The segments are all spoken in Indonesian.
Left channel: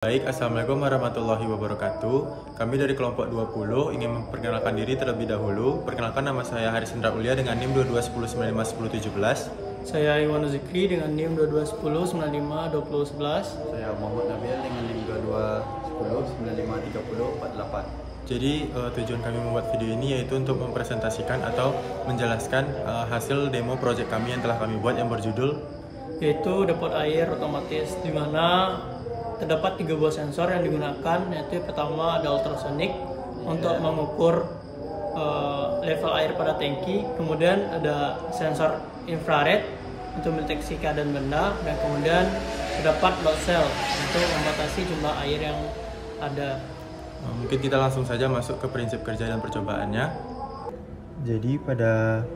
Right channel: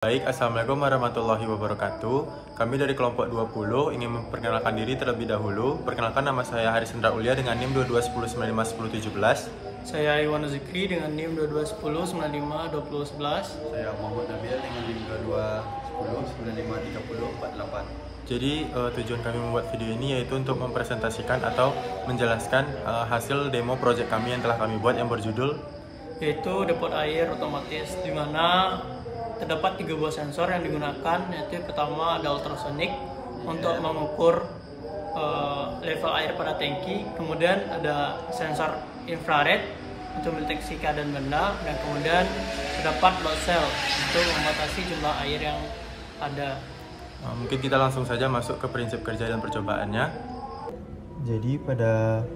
Baik, Assalamualaikum warahmatullahi wabarakatuh. Kami dari kelompok 20 ingin memperkenalkan diri terlebih dahulu. Perkenalkan, nama saya Haris Indra Ulia dengan NIM 2210951017. Saya Iwan Zikri dengan NIM 2210952011. Saya Muhammad Nabil dengan NIM 2210953048. Jadi tujuan kami membuat video ini yaitu untuk mempresentasikan atau menjelaskan hasil demo project kami yang telah kami buat yang berjudul Yaitu depot air otomatis, di mana terdapat 3 buah sensor yang digunakan. Yaitu pertama ada ultrasonic untuk mengukur level air pada tangki, kemudian ada sensor infrared untuk mendeteksi keadaan benda, dan kemudian terdapat load cell untuk membatasi jumlah air yang ada. Mungkin kita langsung saja masuk ke prinsip kerja dan percobaannya. Jadi pada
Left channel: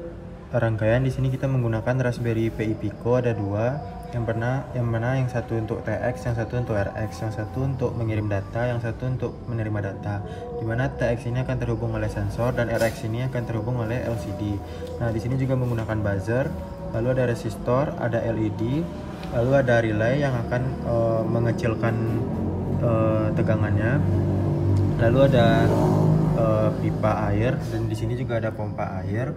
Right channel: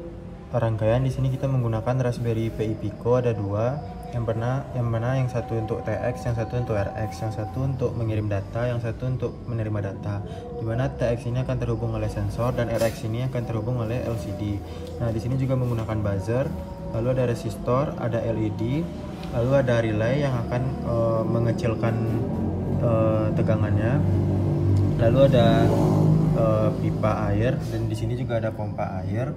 rangkaian di sini kita menggunakan Raspberry Pi Pico, ada 2. Yang mana yang satu untuk TX, yang satu untuk RX, yang satu untuk mengirim data, yang satu untuk menerima data. Dimana TX ini akan terhubung oleh sensor dan RX ini akan terhubung oleh LCD. Nah, di sini juga menggunakan buzzer, lalu ada resistor, ada LED, lalu ada relay yang akan mengecilkan tegangannya. Lalu ada pipa air, dan di sini juga ada pompa air.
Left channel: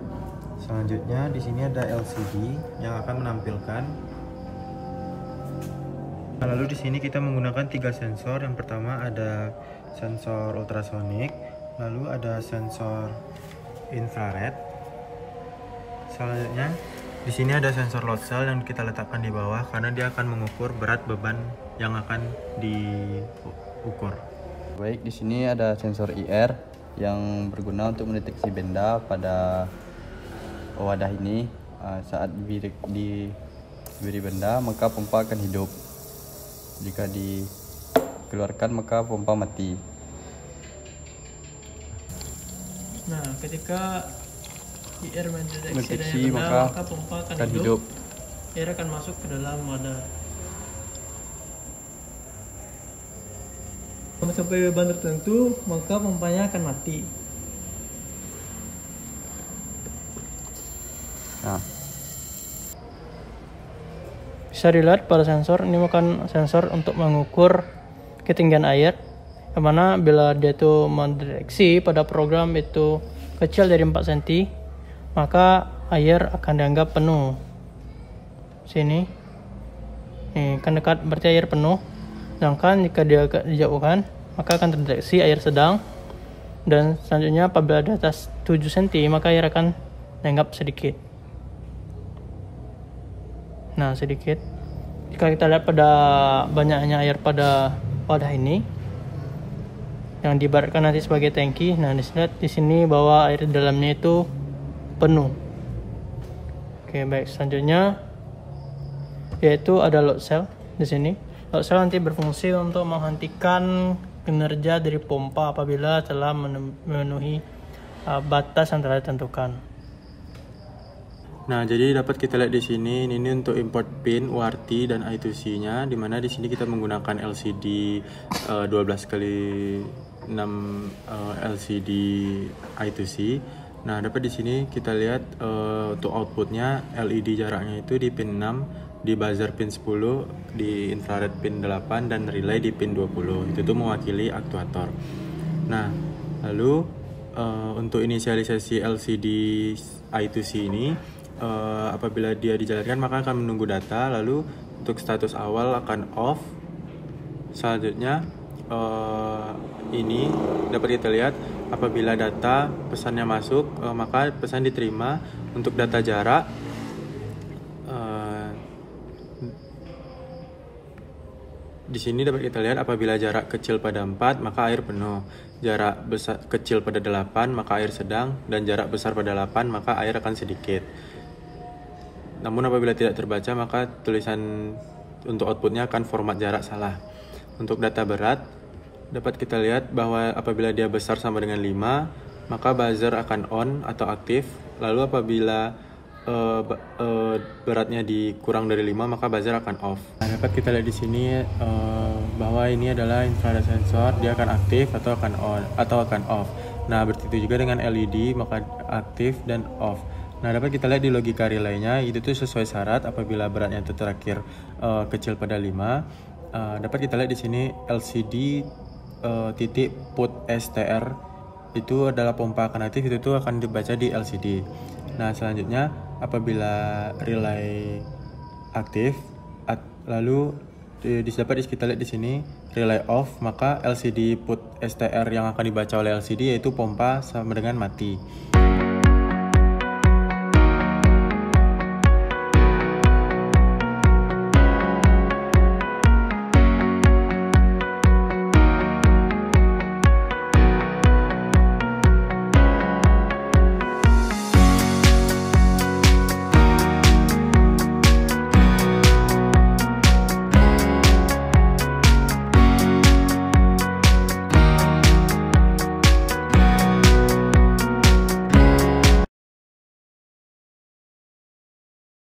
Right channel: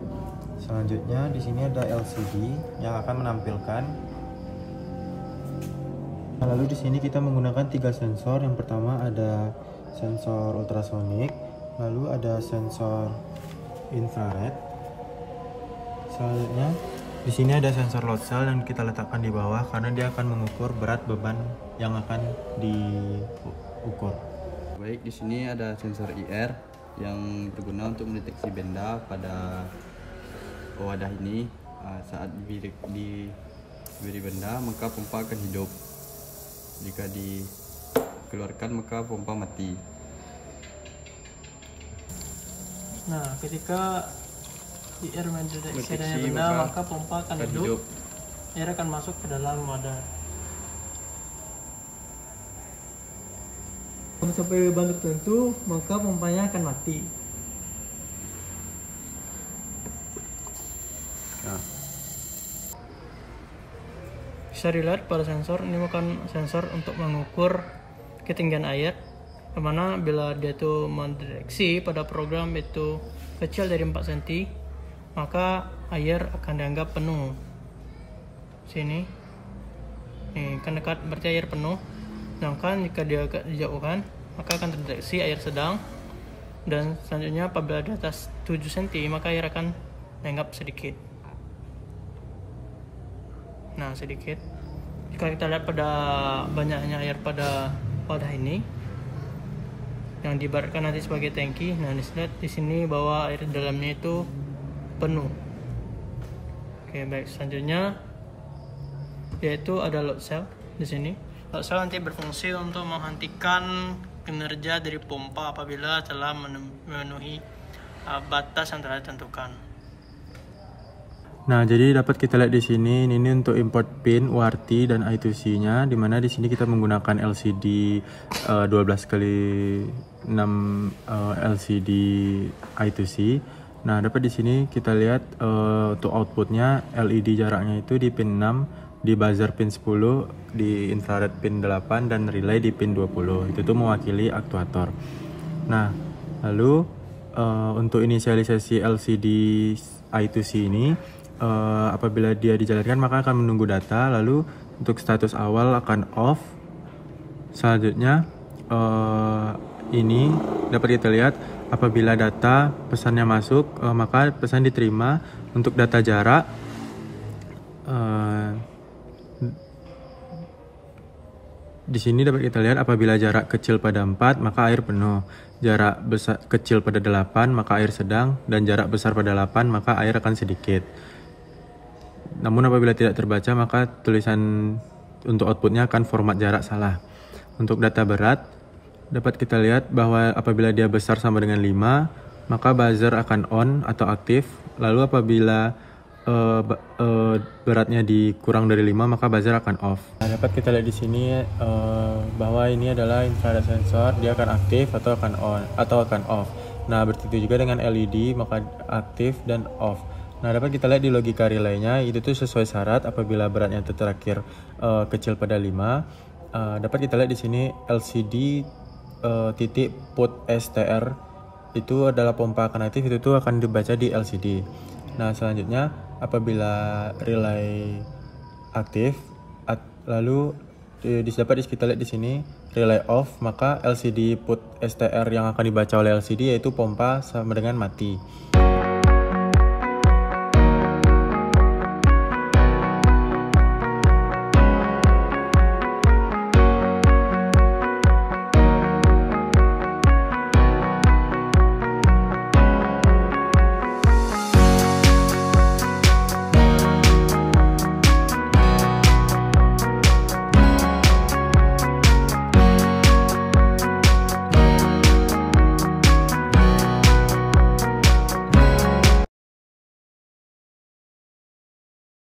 Selanjutnya di sini ada LCD yang akan menampilkan. Nah, lalu di sini kita menggunakan 3 sensor. Yang pertama ada sensor ultrasonik, lalu ada sensor infrared. Selanjutnya di sini ada sensor load cell yang kita letakkan di bawah karena dia akan mengukur berat beban yang akan diukur. Baik, di sini ada sensor IR yang berguna untuk mendeteksi benda pada wadah ini. Saat diberi benda, maka pompa akan hidup. Jika dikeluarkan, maka pompa mati. Nah, ketika IR mendeteksi Mendeteksi, benda, maka pompa akan hidup. Air akan masuk ke dalam wadah. Sampai beban tertentu, maka pompanya akan mati. Nah, Bisa dilihat pada sensor ini bukan sensor untuk mengukur ketinggian air, yang mana bila dia itu mendeteksi pada program itu kecil dari 4 cm, maka air akan dianggap penuh. Sini nih kan dekat, berarti air penuh. Sedangkan jika dia agak dijauhkan, maka akan terdeteksi air sedang. Dan selanjutnya apabila di atas 7 cm, maka air akan dianggap sedikit. Nah, sedikit. Jika kita lihat pada banyaknya air pada wadah ini yang diibaratkan nanti sebagai tangki, nah lihat di sini bahwa air di dalamnya itu penuh. Oke, baik, selanjutnya yaitu ada load cell di sini. Load cell nanti berfungsi untuk menghentikan kinerja dari pompa apabila telah memenuhi batas yang telah ditentukan. Nah, jadi dapat kita lihat di sini ini untuk import pin, UART dan I2C-nya, dimana di sini kita menggunakan LCD 12x6 LCD I2C. Nah, dapat di sini kita lihat untuk outputnya LED jaraknya itu di pin 6, di buzzer pin 10, di infrared pin 8 dan relay di pin 20. Itu tuh mewakili aktuator. Nah, lalu untuk inisialisasi LCD I2C ini, apabila dia dijalankan maka akan menunggu data. Lalu untuk status awal akan off. Selanjutnya ini dapat kita lihat apabila data pesannya masuk, maka pesan diterima. Untuk data jarak, di sini dapat kita lihat apabila jarak kecil pada 4 maka air penuh, jarak besar kecil pada 8 maka air sedang, dan jarak besar pada 8 maka air akan sedikit. Namun apabila tidak terbaca maka tulisan untuk outputnya akan format jarak salah. Untuk data berat dapat kita lihat bahwa apabila dia besar sama dengan 5 maka buzzer akan on atau aktif. Lalu apabila beratnya dikurang dari 5 maka buzzer akan off. Nah, dapat kita lihat di sini bahwa ini adalah infrared sensor, dia akan aktif atau akan on atau akan off. Nah, begitu juga dengan LED, maka aktif dan off. Nah, dapat kita lihat di logika relaynya itu tuh sesuai syarat. Apabila beratnya itu terakhir kecil pada 5, dapat kita lihat di sini LCD titik put STR itu adalah pompa kanatif, itu akan dibaca di LCD. Nah selanjutnya apabila relay aktif, lalu dapat kita lihat di sini relay off, maka LCD put STR yang akan dibaca oleh LCD yaitu pompa sama dengan mati.